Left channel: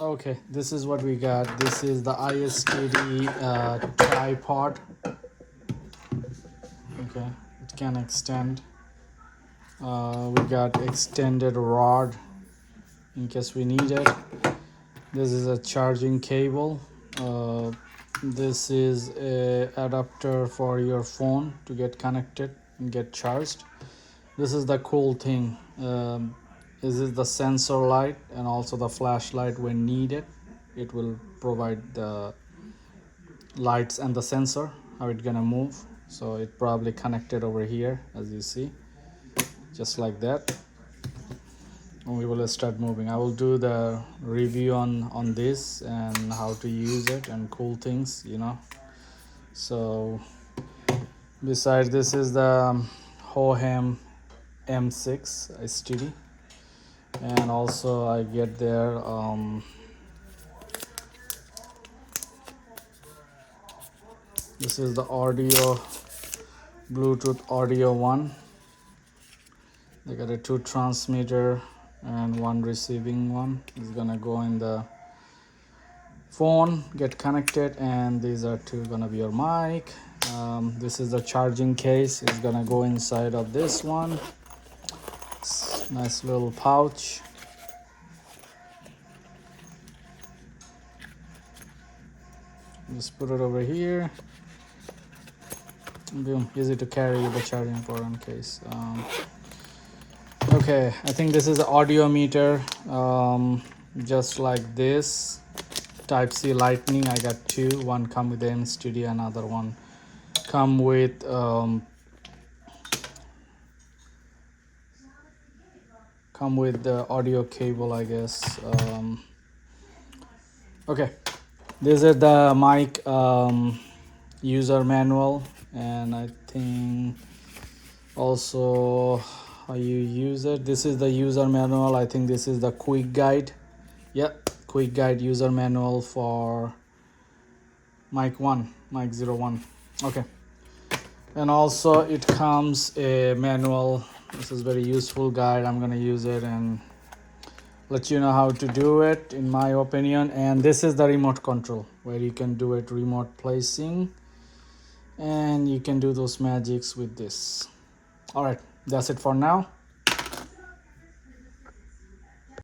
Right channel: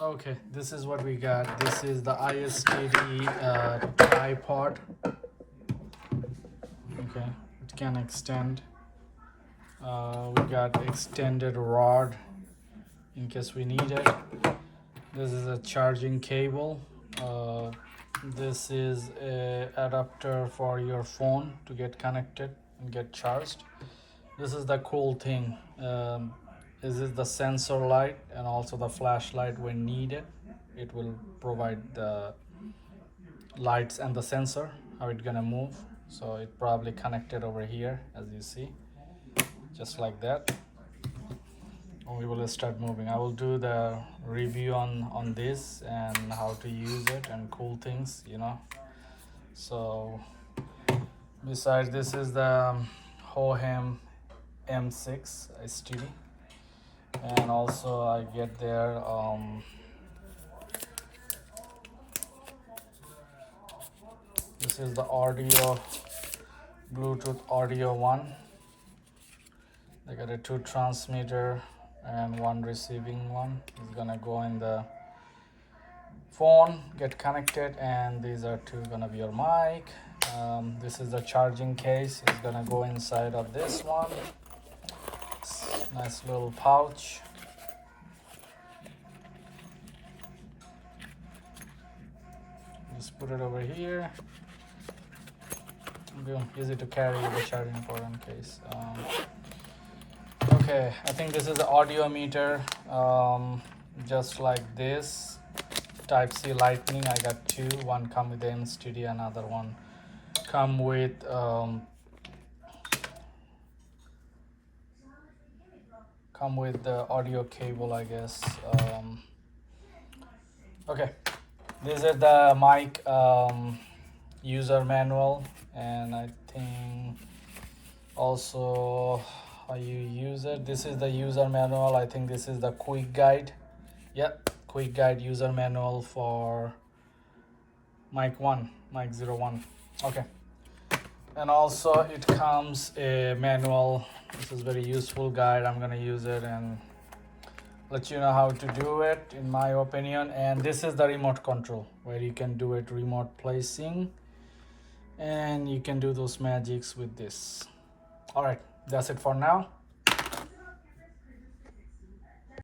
Okay, this is what we got. This is the ISTD tripod. Okay, it can extend. We got extended rod in case we need it. This is a charging cable. This is a adapter for your phone to get connected and get charged. This is the cool thing. This is the sensor light and also the flashlight when needed. It will provide the lights and the sensor, how it's gonna move. So it probably connected over here, as you see, just like that. And we will start moving. I will do the review on this and how to use it and cool things, you know. So besides, this is the Hohem M6 STD, and also I get there this is the audio, Bluetooth audio one. They got a 2 transmitter and 1 receiving one. It's gonna go in the phone, get connected, and these are 2 gonna be your mic. This is the charging case. It's gonna go inside of this one. Nice little pouch. Just put it over here. Boom, easy to carry the charging program case. Okay, I think this is an audio meter, just like this. Type C lightning. I got 2. One come with the in-studio, another one come with the audio cable, I guess. Okay, this is the mic user manual, and I think also how you use it. This is the user manual. I think this is the quick guide. Yeah, quick guide user manual for Mic-01. Okay, and also it comes a manual. This is very useful guide. I'm gonna use it and let you know how to do it, in my opinion. And this is the remote control, where you can do it remote placing, and you can do those magics with this. All right, that's it for now.